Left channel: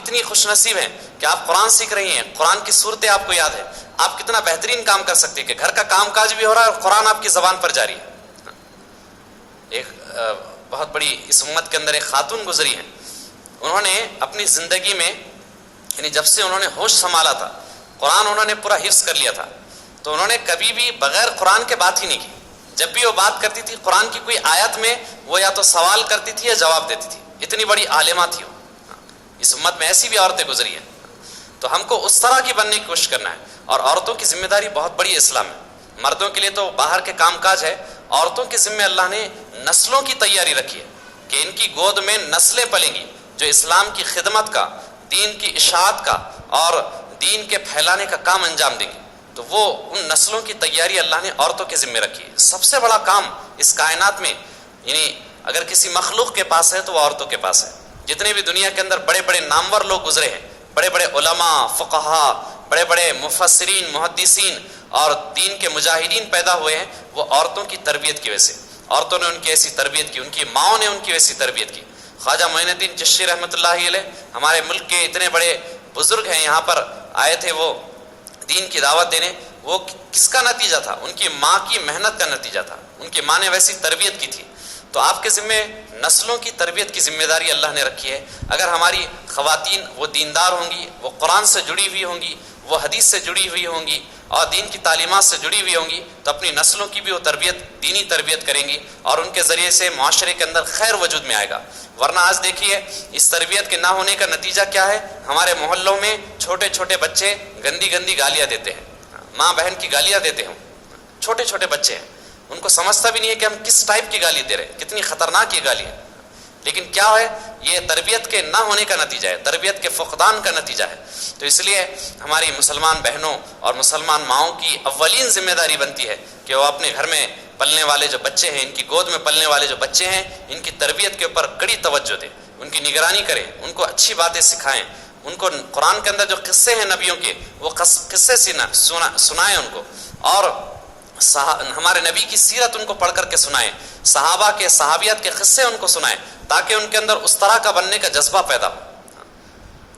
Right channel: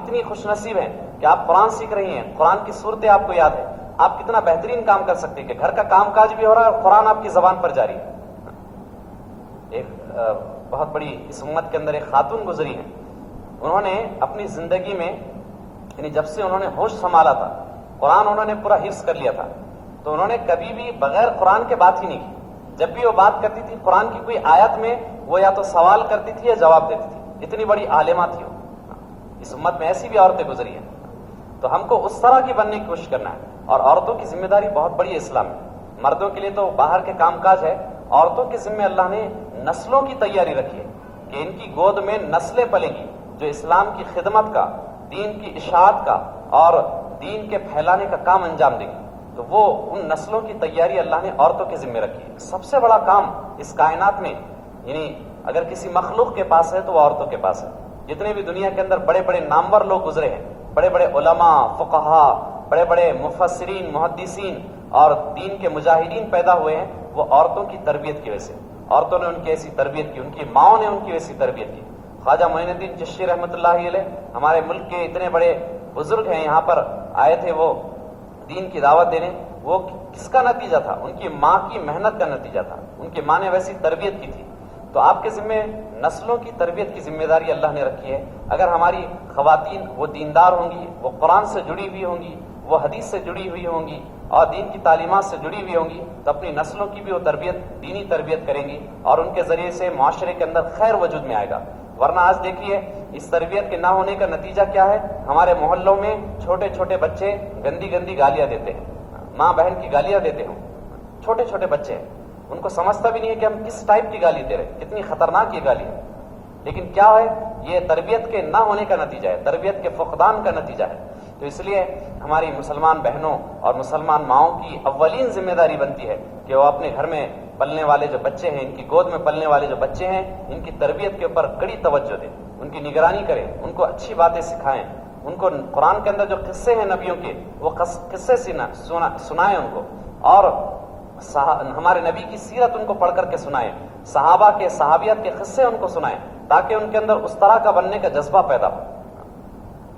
کتنی خوش نصیب ہیں کہ آپ قرآن سیکھ رہی ہیں، قرآن کی صورتیں آپ کو یاد ہے، آپ کتنا بہترین کام کر سکتے ہیں کہ گھر کا کام کاج بھی ہو رہا ہے اور قرآن آپ کی زبان پر جاری ہے۔ ایک بہت بڑی اس امت کے اندر ایک خاتون گزری ہیں، انہوں نے اپنی زندگی میں یعنی جب سے انہوں نے ہوش سنبھالا تھا قرآن انہوں نے پورا حفظ کر لیا تھا، تو انہوں نے کبھی بھی بغیر قرآن کے بات ہی نہیں کی۔ جب بھی وہ بات کرتی تھی قرآن کی کوئی آیت میں وہ یا تو سوال کرتی تھی یا جواب دیتی تھی، اتنی بڑی عالمہ تھی وہ۔ اس امت میں ایسی بھی عورتیں گزری ہیں، تو ہم کو اس طرح کی بننے کی کوشش کرنا ہے۔ اور عورتوں کی ذمہ داری بہت بڑی ہے اسلام میں، مردوں کے لیے تو باہر کے کام کاج ہے، عورتوں کے ذمہ اللہ نے نسلوں کی تیاری رکھی ہے کہ ان کی گود میں نسلیں پلیں گی جو اسلام کی خدمت کا، دین کی اشاعت کا اور دین کے پھیلانے کا کام انجام دیں گی۔ تو وہ ان نسلوں کی تیاری اللہ نے عورتوں کے ذمہ رکھی ہے۔ سب سے بڑا کام اس کائنات میں یعنی اگر کسی مخلوق کے پاس ہے تو وہ عورتوں کے پاس ہے۔ جتنے بھی دنیا کے اندر بڑے بڑے نامور لوگ گزرے ہیں، بڑے بڑے علماء، فقہا، بڑے بڑے مفسرین، محدثین اور دین کے مجاہدین پیدا ہوئے ہیں، وہ عورتوں کی تربیت کی وجہ سے۔ عورتوں نے ان کی ایسی تربیت کی، ان کی ماؤں نے ان کی ویسی تربیت کی۔ خواجہ معین الدین چشتی رحمۃ اللہ علیہ ہمارے ملک کے اتنے بڑے بزرگ ہیں، یہاں پر آئے تھے وہ دین کی دعوت دینے، وہ کس کا نتیجہ تھا؟ ان کی ماں کی محنت کا نتیجہ تھا، ان کی ماں نے ویسی تربیت کی تھی۔ تو آپ کے ذمہ نسلوں کی تربیت کی ذمہ داری اللہ نے رکھی ہے۔ اگر ہماری خواتین وہ دیندار ہوں گی، وہ قرآن سے جڑی ہوئی ہوں گی، وہ حدیث سے جڑی ہوئی ہوں گی اور دین کی تعلیمات سے جڑی ہوئی ہوں گی، تو اپنی نسلوں کی بھی وہ تربیت، دینی تربیت کریں گی اور ان کے ذریعے سے معاشرے کے اندر خیر وجود میں آئے گا۔ ورنہ آج دیکھیے اس تربیت کے نہ ہونے کا نتیجہ کیا ہے؟ ہمارے محلوں میں چھوٹے چھوٹے بچے گندی گندی گالیاں دیتے ہیں، ماں بہن کی گالیاں دیتے ہیں، چھوٹے چھوٹے بچے ہیں، ان کو سمجھتا بھی نہیں ہے کہ ہم کس ٹائپ کی گالی دے رہے ہیں، کتنی خطرناک یہ گالی ہے۔ لیکن کیا ہے؟ یہ تربیت کے نہ ہونے کا نتیجہ ہے، تربیت کے فقدان کا نتیجہ ہے۔ تو اس لیے ہماری مسلمان بہنوں اور مسلمان ماؤں کی اولین ذمہ داری بنتی ہے کہ وہ اپنے گھر میں پلنے والے جو بچے ہیں، ان کی گود میں پلنے والے جو بچے ہیں، ان کی تربیت کے اوپر کڑی توجہ دیں، ان کی نگرانی کریں، ان کو اچھی باتیں سکھائیں، ان کو قرآن کے اندر جو قصے ہیں نبیوں کے وہ قصے سنائیں ان کو، اور ہمارے نبی کی سیرت ان کو پڑھ کر کے سنائیں، صحابہ کے صحابیات کے قصے ان کو سنائیں، تاکہ ان کے اندر اس طرح کا بننے کا جذبہ پیدا ہو۔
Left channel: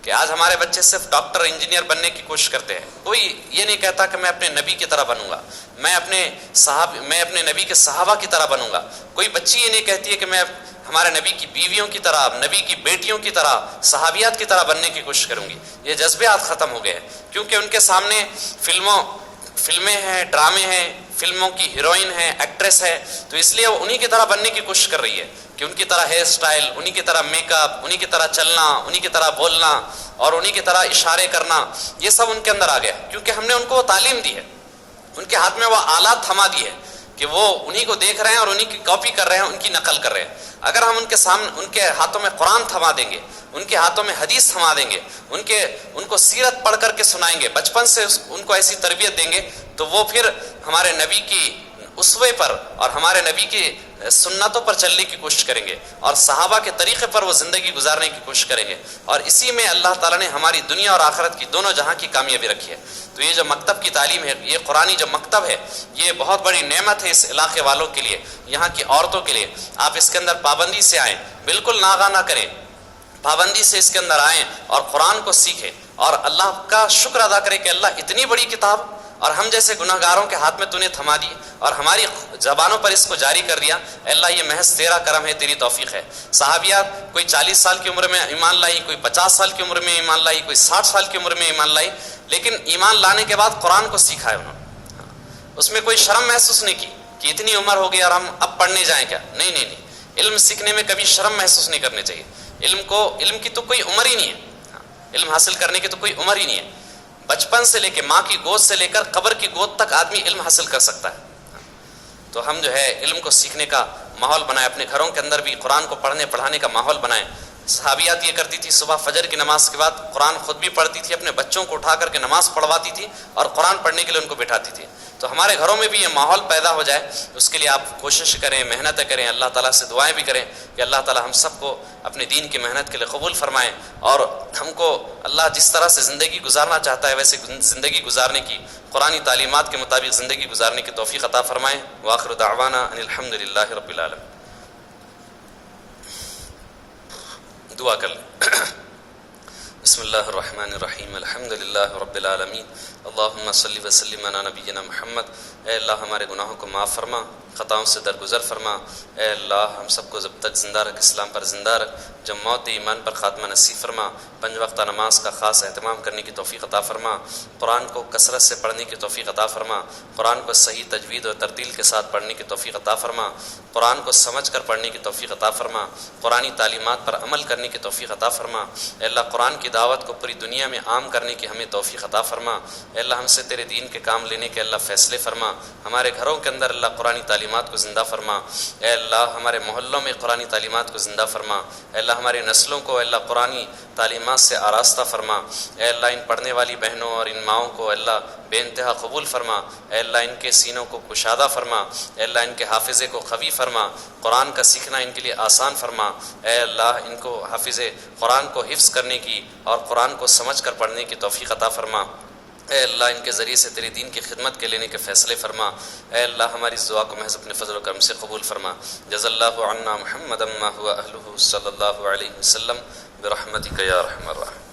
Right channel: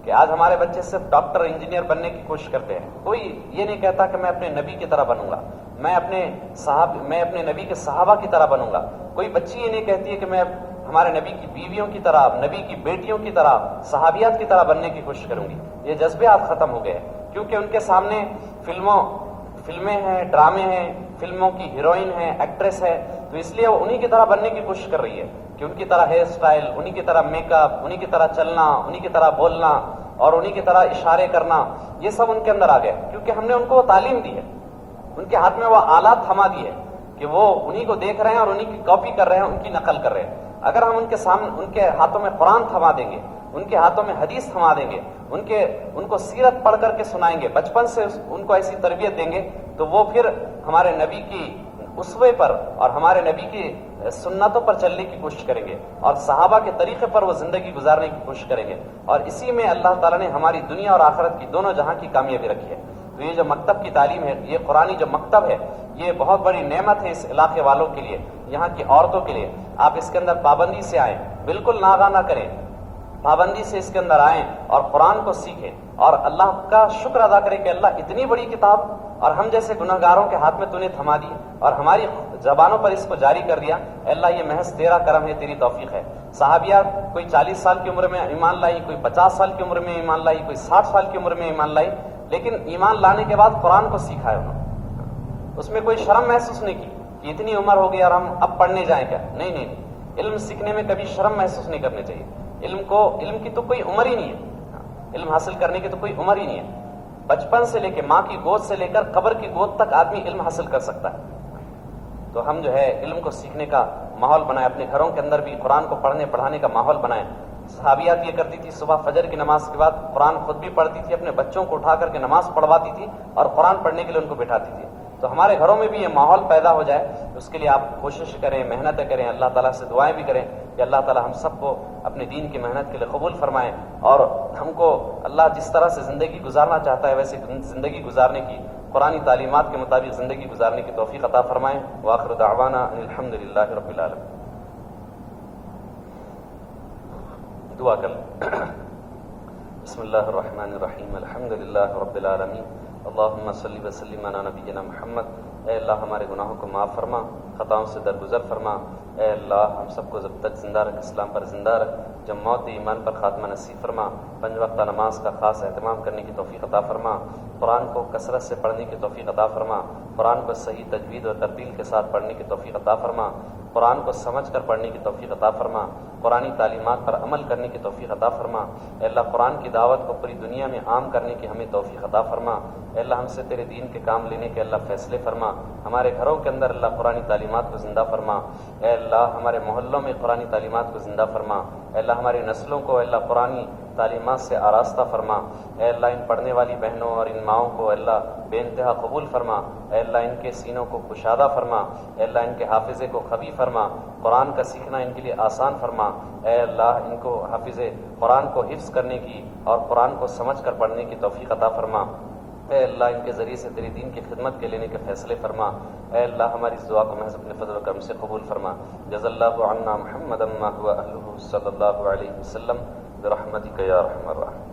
کہ آج ہمارے بچے صرف ڈاکٹر انجینئر بننے کی کوشش کرتے ہیں، کوئی یہ نہیں کہتا کہ میں اپنے نبی کی طرح بنوں گا، میں اپنے نبی کے صحابہ کی طرح بنوں گا۔ کوئی بچی یہ نہیں کہتی ہے کہ میں ہمارے نبی کی بیویوں کی طرح، نبی کی بیٹیوں کی طرح، صحابیات کی طرح بننے کی کوشش کروں گی۔ یہ جذبے آج ختم ہو گئے ہیں، کیونکہ ان کے سامنے فلمیں ہیں، ڈرامے ہیں، فلموں کی ہیروئن ہے، ایکٹریس ہے، تو اس لیے وہ انہی کی طرح بننے کی کوشش کر رہی ہے کہ ان کی طرح ہیئر سٹائل، انہی کی طرح میک اپ، انہی کی طرح چلنا، انہی کی طرح بولنا اور انہی کی طرح اشارے کرنا، یہ سب ان کے اندر آ گیا، کیونکہ ہم نے ان کو وہ تعلیم دی ہے، ان کے ہاتھ میں وہ آلات تھما دی ہے کہ وہ انہی کو دیکھ رہے ہیں اور انہی کی کاپی کر رہے ہیں، ان کی نقل کر رہے ہیں۔ اگر ہم ان کے ہاتھوں میں قرآن تھما دیں گے، ان کے ہاتھوں میں حدیث تھما دیں گے، ان کو سیرت پڑھ کر کے سنائیں گے، بچپن سے ان کو ایسی تربیت دیں گے، تو وہ پھر ہمارے نبی کی اسوے پر اور ہمارے نبی کی سنتوں پر چلنے کی کوشش کریں گے اور صحابہ کے طریقے پر وہ زندگی گزارنے کی کوشش کریں گے، اور اسی میں اللہ تعالیٰ نے ہماری دنیا اور آخرت کی دونوں جہاں کی کامیابی رکھی ہے۔ تو یہ جو مکتب کی تعلیم ہے، یہ قرآنی جو مکتب ہے، یہ بہت بڑی نعمت ہے اس علاقے والوں کے لیے، یہاں کی عورتوں کے لیے۔ آپ اس کے اندر پابندی سے آئیں، بالکل ناغہ نہ کریں، پابندی سے اس کے اندر آئیں اور قرآن کو سیکھیں اور اللہ کا شکر ادا کریں کہ اللہ اتنی بڑی کتاب اور ہم جیسے گنہگاروں کے ہاتھ میں تو نے تھما دی اور ہماری زبانوں پر اس کو جاری کر دیا۔ اللہ یہ محض تیرا کرم ہے، تیری توفیق ہے۔ صحابیات کوئی 40 سال کی عمر میں ایمان لائی، کوئی 50 سال کی عمر میں ایمان لائی، کوئی 60 سال کی عمر میں ایمان لائی، لیکن ایمان لانے کے بعد قرآن کو سیکھا ہے انہوں نے، اس میں کوئی شرم محسوس نہیں کی کہ اتنی عمر ہو گئی اور ہم اب پڑھنے جائیں کیا۔ نہیں، علم سیکھنے میں کبھی شرم محسوس نہیں کرنی چاہیے۔ علم کی تو کوئی عمر ہی نہیں ہے، علم حاصل کرنے کی تو کوئی عمر ہی نہیں ہے۔ بچپن سے لے کے ماں کی گود سے لے کر قبر کی گود تک آدمی علم حاصل کر سکتا ہے۔ تو ہم جو ہے علم کو سیکھنے کا ماحول بنائیں، اپنے گھروں کے اندر بھی قرآن کو پڑھنے پڑھانے کا ماحول بنائیں۔ صحابیات یہ کرتی تھی، صبح فجر کی نماز کے بعد قرآن خود بھی پڑھتی تھی، اپنے بچوں کو اٹھا کر کے نماز پڑھواتی تھی اور قرآن پڑھنے کے لیے ان کو بٹھاتی تھی۔ تو ہمارے گھروں میں بھی یہ ماحول پیدا ہو جائے، اس کے لیے آپ کوشش کریں، محنتیں کریں، اللہ تعالیٰ سے دعائیں بھی کریں کہ اللہ تعالیٰ ہم سب کو اپنے دین کی محنت کے لیے قبول فرمائیں اور ہم کو اللہ جس طرح سے زندگی گزارنا چاہتا ہے ویسے زندگی گزارنے کی، قرآنی تعلیمات کے مطابق زندگی گزارنے کی توفیق عطا فرمائیں۔ وآخر دعوانا ان الحمد للہ رب العالمین۔ دعا کر لیں۔ بسم اللہ الرحمن الرحیم الحمد للہ رب العالمین اللہم صلی وسلم علی نبینا محمد۔ اے اللہ ہمارے گناہوں کو معاف فرما، خطاؤں سے درگزر فرما۔ اے اللہ ہم سب کو جب تک زندہ رکھ، اسلام پر زندہ رکھ، جب موت ایمان پر خاتمہ نصیب فرما۔ 5 وقتہ نماز کا خاص اہتمام کرنے کی توفیق عطا فرما۔ قرآن کو کثرت سے پڑھنے کی توفیق عطا فرما۔ قرآن کو صحیح تجوید اور ترتیل کے ساتھ پڑھنے کی توفیق عطا فرما۔ قرآن کو سمجھ کر پڑھنے کی توفیق عطا فرما۔ قرآنی تعلیمات پر عمل کرنے کی توفیق عطا فرما۔ اے اللہ قرآن کی دعوت کو پوری دنیا میں عام کرنے کی ہمیں توفیق عطا فرما۔ اے اللہ ہم سے تیرے دین کے کام لینے کے اللہ فیصلے فرما۔ ہمارے گھروں کے اندر اللہ قرآنی تعلیمات کو زندہ فرما۔ اے اللہ ہمارے محلوں میں قرآنی تعلیمات کو زندہ فرما۔ اے اللہ ہماری نسلوں کو اے اللہ قرآنی تعلیمات سے آراستہ فرما۔ اے اللہ ان پڑھنے والی بہنوں اور ان ماؤں کو اے اللہ بے انتہا قبول فرما۔ اے اللہ ان کے سینوں کو کشادہ فرما۔ اے اللہ ان کے حافظے کو قوی فرما۔ قرآن کا سیکھنا ان کے لیے آسان فرما۔ اے اللہ ان کو حافظ قرآن کو حفظ کرنے کی اور قرآن کو سمجھ کر پڑھنے کی توفیق عطا فرما۔ اے اللہ ان کے ذریعے سے تیری دین کی خدمت کے لینے کے فیصلے فرما۔ اے اللہ ہماری اس دعا کو محض اپنے فضل و کرم سے قبول فرما۔ جزا اللہ عنا محمد ما هو اہلہ صلی اللہ علیہ وسلم برحمتک یا ارحم الراحمین۔